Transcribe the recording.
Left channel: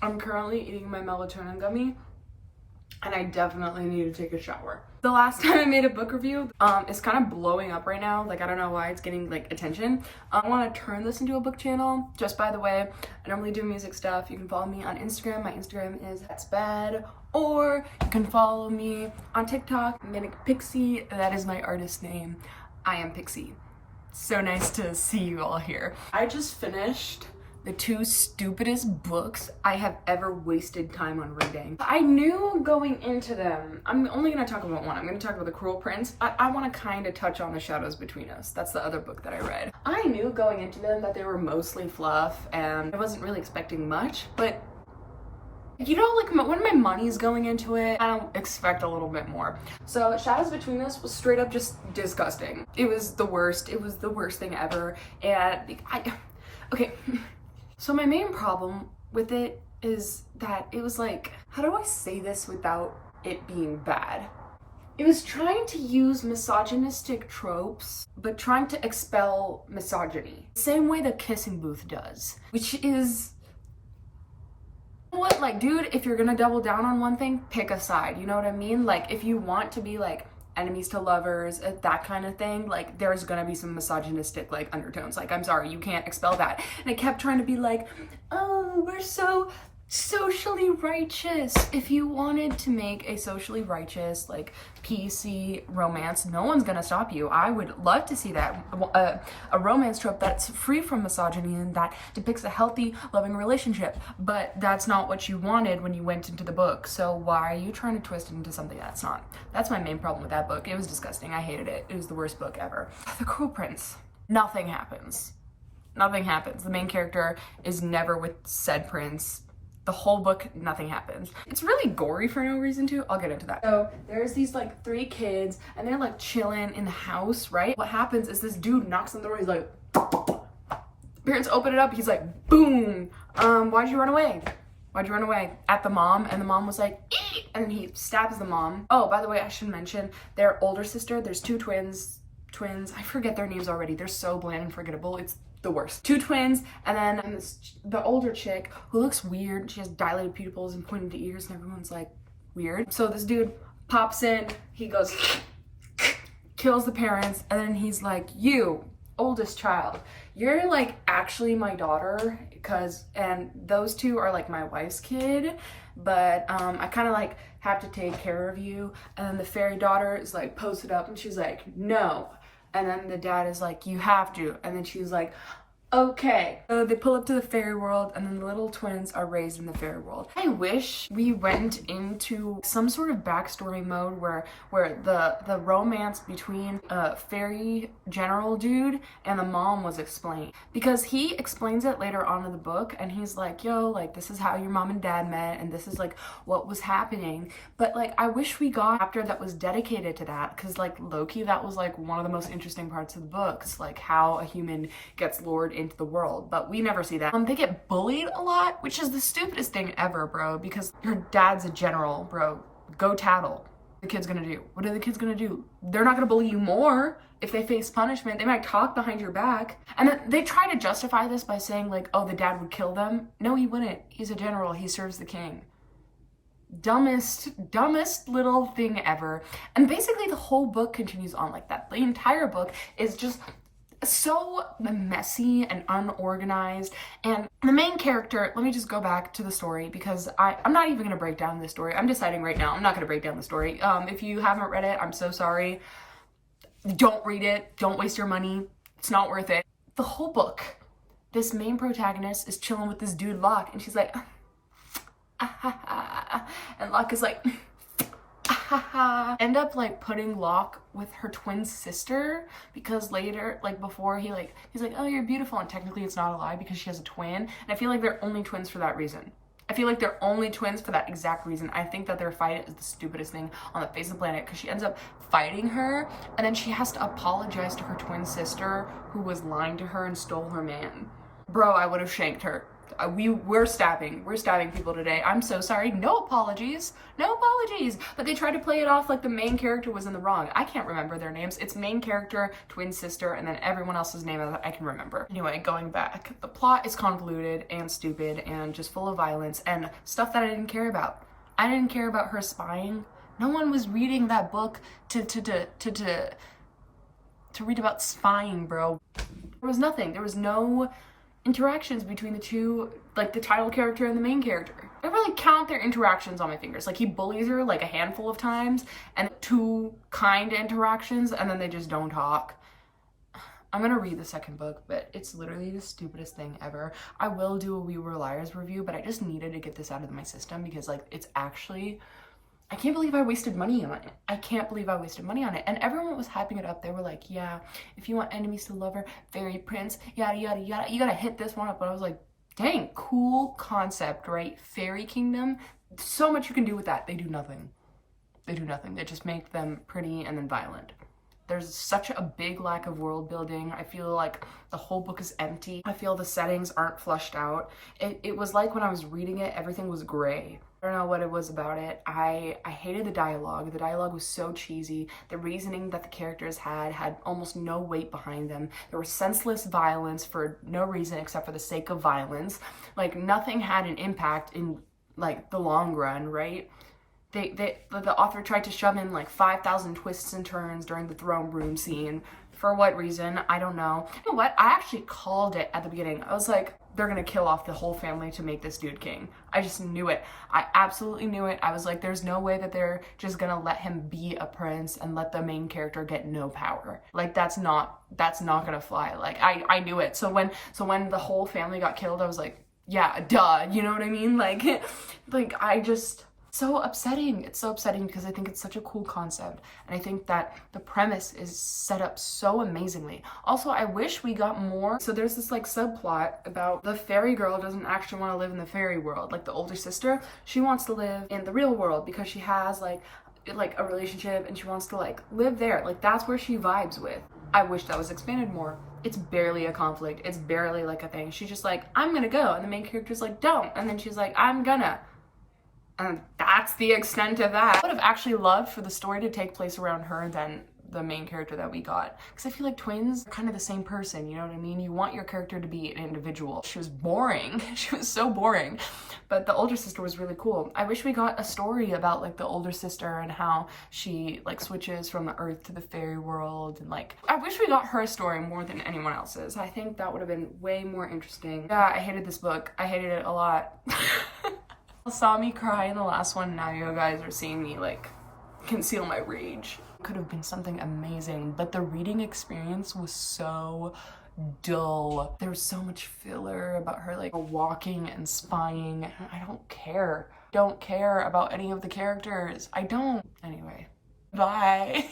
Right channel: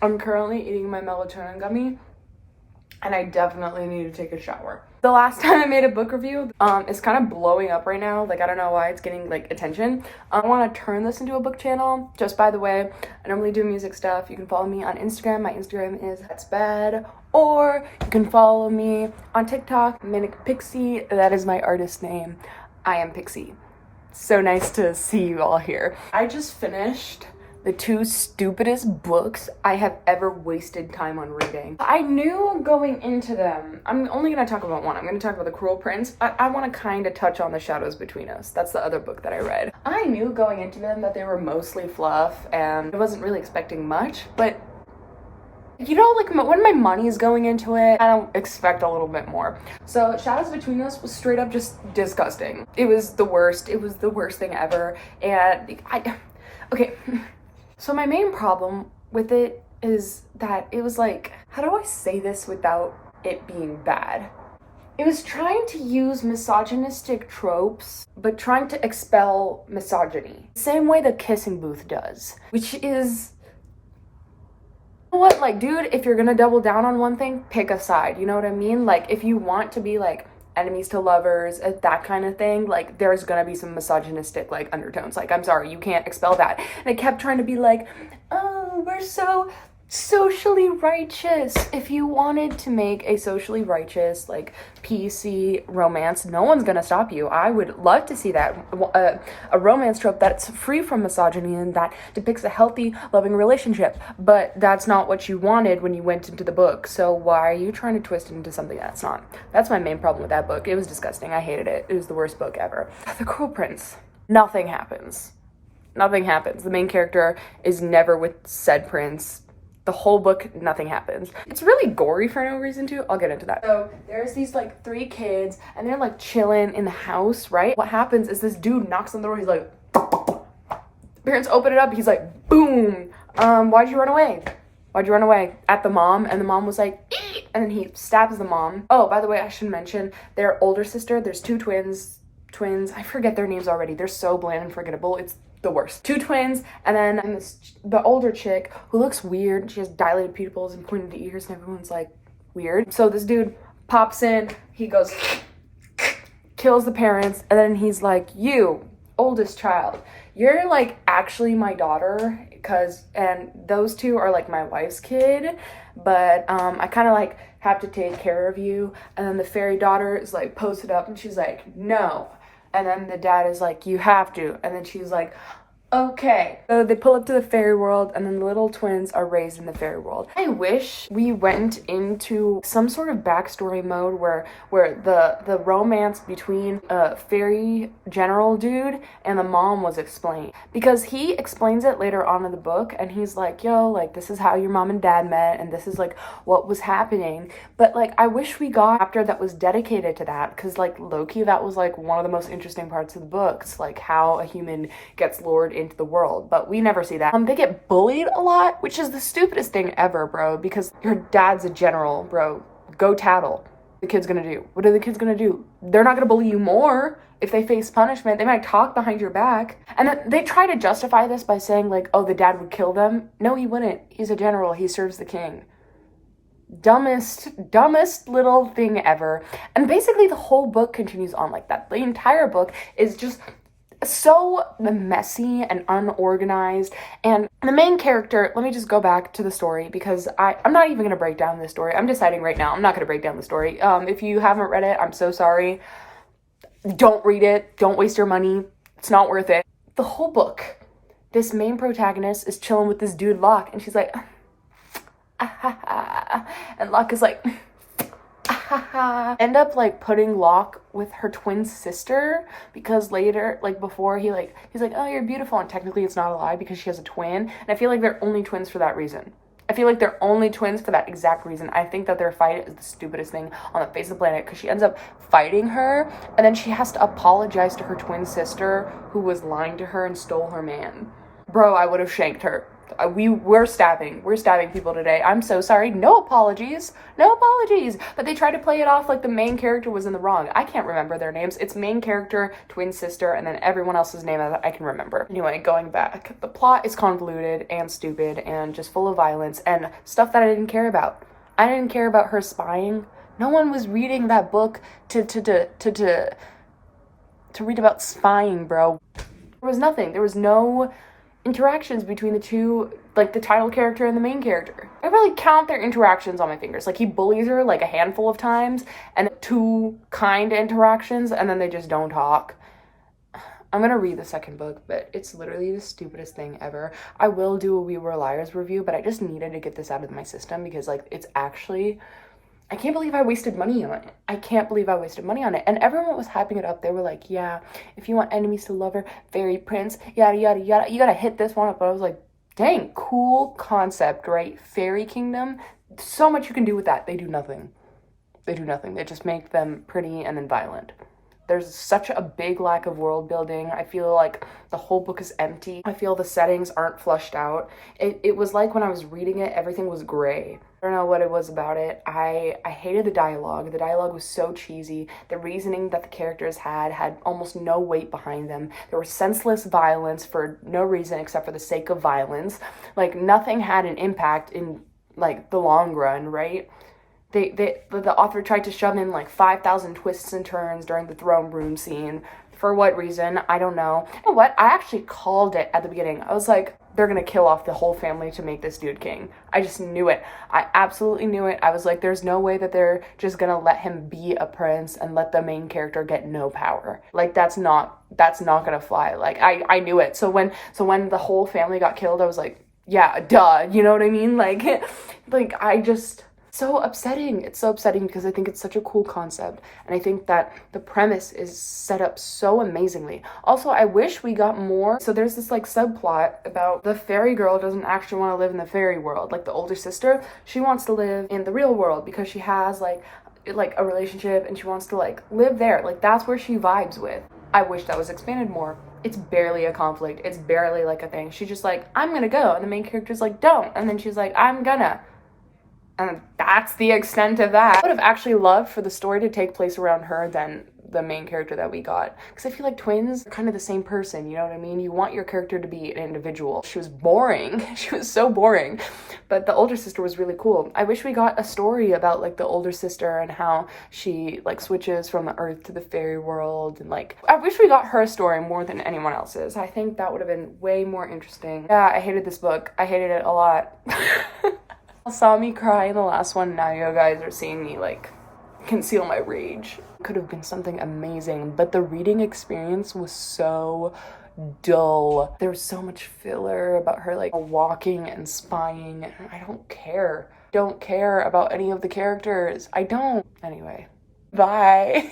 I'm currently eating my melatonin gummy, and I definitely need to take a shower. The last time I made a book review, it's kind of blowing up right now. Like, I don't know why it's getting like attention. I want to turn this into a book channel. Just by the way, I normally do music stuff. You can follow me on Instagram. My Instagram is thatsbad, or you can follow me on TikTok, Manic Pixie. That is my artist name. I am Pixie. So nice to see you all here. I just finished the 2 stupidest books I have ever wasted time on reading. I knew going into them, I'm only gonna talk about one. I'm gonna talk about The Cruel Prince. I wanna kind of touch on The Shadows Between Us. That's the other book that I read. I knew going into them that they were mostly fluff and I wasn't really expecting much, but you know, like when my money's going into it, I don't expect a little bit more. So Shadows Between Us was straight up just disgusting. It was the worst. It was the worst thing ever. And okay. So my main problem with it is that it was like, how do I say this without it being bad? It was trying to use misogynistic tropes, but trying to expel misogyny. Same way the Kissing Booth does, which is, you know what, like, dude, if you're gonna double down on one thing, pick a side, you know what I mean? Like, if you want to be like enemies to lovers, that kind of thing, like there's gonna be some misogynistic like undertones. Like, I'm sorry, you can't expel that. And it kept trying to be like, oh, we're so socially righteous. If you wanted to make a socially righteous, like PC romance, no one's gonna stop you. I would love to see that, a romance trope that's free from misogyny and that depicts a healthy, loving relationship. But that's not what you wanted when you went into the book. So why are you trying to twist it into something that's not? That's my main problem with that book. It was disgusting. I hated it. It was the worst book ever. The Cruel Prince. Nothing happens. Nothing happens. The main character is never with said prince. The whole book, nothing happens. It's really gory for no reason too. I'll get into that. So there's these like 3 kids and they're like chilling in the house, right? What happens is this dude knocks on the door. He's like, parents open it up. He's like, boom. Why'd you run away? Why'd you run away? At the mom. And the mom was like, eek! And then he stabs the mom. Oh, by the way, I should mention their older sister. There's 2 twins. I forget their names already. They're so bland and forgettable. It's the worst. 2 twins, and then the older chick who looks weird. She has dilated pupils and pointed ears, and everyone's like, weird. So this dude pops in, he goes, kills the parents, and then he's like, you, oldest child, you're like actually my daughter, and those 2 are like my wife's kid, but I kind of like have to take care of you. And then the fairy daughter is like posted up and she's like, no. And then the dad is like, you have to. And then she's like, okay. So they pull up to the fairy world and then the little twins are raised in the fairy world. I wish we went into some sort of backstory mode where the romance between a fairy general dude and the mom was explained. Because he explains it later on in the book and he's like, yo, like this is how your mom and dad met and this is like what was happening. But like I wish we got a chapter that was dedicated to that, because like low-key that was like one of the most interesting parts of the books, like how a human gets lured into the world, but we never see that. They get bullied a lot, which is the stupidest thing ever, bro, because your dad's a general, bro. Go tattle. The kid's gonna do. What are the kids gonna do? They're not gonna bully you more if they face punishment. They might talk behind your back. And then they try to justify this by saying like, oh, the dad would kill them. No, he wouldn't. He's a general. He serves the king. Dumbest little thing ever. And basically the whole book continues on like that. The entire book is just so messy and unorganized. And the main character, let me just go back to the story because I'm not even gonna break down this story. I'm deciding right now I'm not gonna break down the story. If you haven't read it, I'm so sorry. Don't read it. Don't waste your money. It's not worth it. The whole book, this main protagonist is chilling with this dude Locke and she's like, and Locke is like, end up like putting Locke with her twin sister because later, like before he's like, oh, you're beautiful, and technically it's not a lie because she has a twin. And I feel like they're only twins for that reason. I feel like they're only twins for that exact reason. I think that their fight is the stupidest thing on the face of the planet because she ends up fighting her and then she has to apologize to her twin sister who was lying to her and stole her man. Bro, I would have shanked her. We're stabbing people today. I'm so sorry. No apologies. But they tried to play it off like the main character was in the wrong. I can't remember their names. It's main character, twin sister, and then everyone else's name that I can remember. Anyway, going back, the plot is convoluted and stupid and just full of violence and stuff that I didn't care about. I didn't care about her spying. No one was reading that book to read about spying, bro. There was nothing. There was no interactions between the two, like the title character and the main character. I really count their interactions on my fingers. Like, he bullies her like a handful of times, and 2 kind interactions, and then they just don't talk. I'm gonna read the second book, but it's literally the stupidest thing ever. I will do a We Were Liars review, but I just needed to get this out of my system because, like, it's actually... I can't believe I wasted money on it. And everyone was hyping it up. They were like, yeah, if you want enemies to lover, fairy prince, yada, yada, yada, you gotta hit this one up. But I was like, dang, cool concept, right? Fairy kingdom. So much you can do with that. They do nothing. They just make them pretty and then violent. There's such a big lack of world building. I feel like the whole book is empty. I feel the settings aren't flushed out. It was like when I was reading it, everything was gray. I don't know what it was about it. I hated the dialogue. The dialogue was so cheesy. The reasoning that the characters had almost no weight behind them. There was senseless violence for no reason except for the sake of violence. Like, nothing had an impact in, like, the long run, right? The author tried to shove in like 5,000 twists and turns during the throne room scene. For what reason? I don't know. You know what? I actually called it at the beginning. I was like, they're gonna kill off the whole family to make this dude king. I just knew it. I absolutely knew it. I was like, there's no way that they're just gonna let him be a prince and let the main character get no power. Like, that's not gonna fly. Like, I knew it. So when the whole family got killed, I was like, yeah, duh. You know what I mean? Like I just... so upsetting. It's so upsetting because I think it's such a cool concept, and I think that the premise is set up so amazingly. Also, I wish we got more. So there's this like subplot about the fairy girl doesn't actually want to live in the fairy world. Like, the older sister, she wants to live in the real world because she has like a relationship and she wants to like live there. Like, that's where she vibes with. I wish that was expanded more. It's barely a conflict. It's barely like a thing. She's just like, I'm gonna go, and the main character's like, don't, and then she's like, I'm gonna. And that's the extent of that. I would have actually loved for the story to take place around her than the main character that we got. Because I feel like twins are kind of the same person, you know what I mean? You want your character to be an individual. She was boring. She was so boring. But the older sister was really cool. I wish we got a story about like the older sister and how she like switches from the earth to the fairy world. And like, I wish we got her story more than anyone else's. I think that would have been way more interesting. Yeah, I hated this book. I hated it a lot. Saw me cry in the last one. Now you guys are seeing me like conceal my rage. It could have been something amazing, but the reading experience was so dull. There was so much filler about her like walking and spying. I don't care about any of the characters. I don't. Anyway, bye.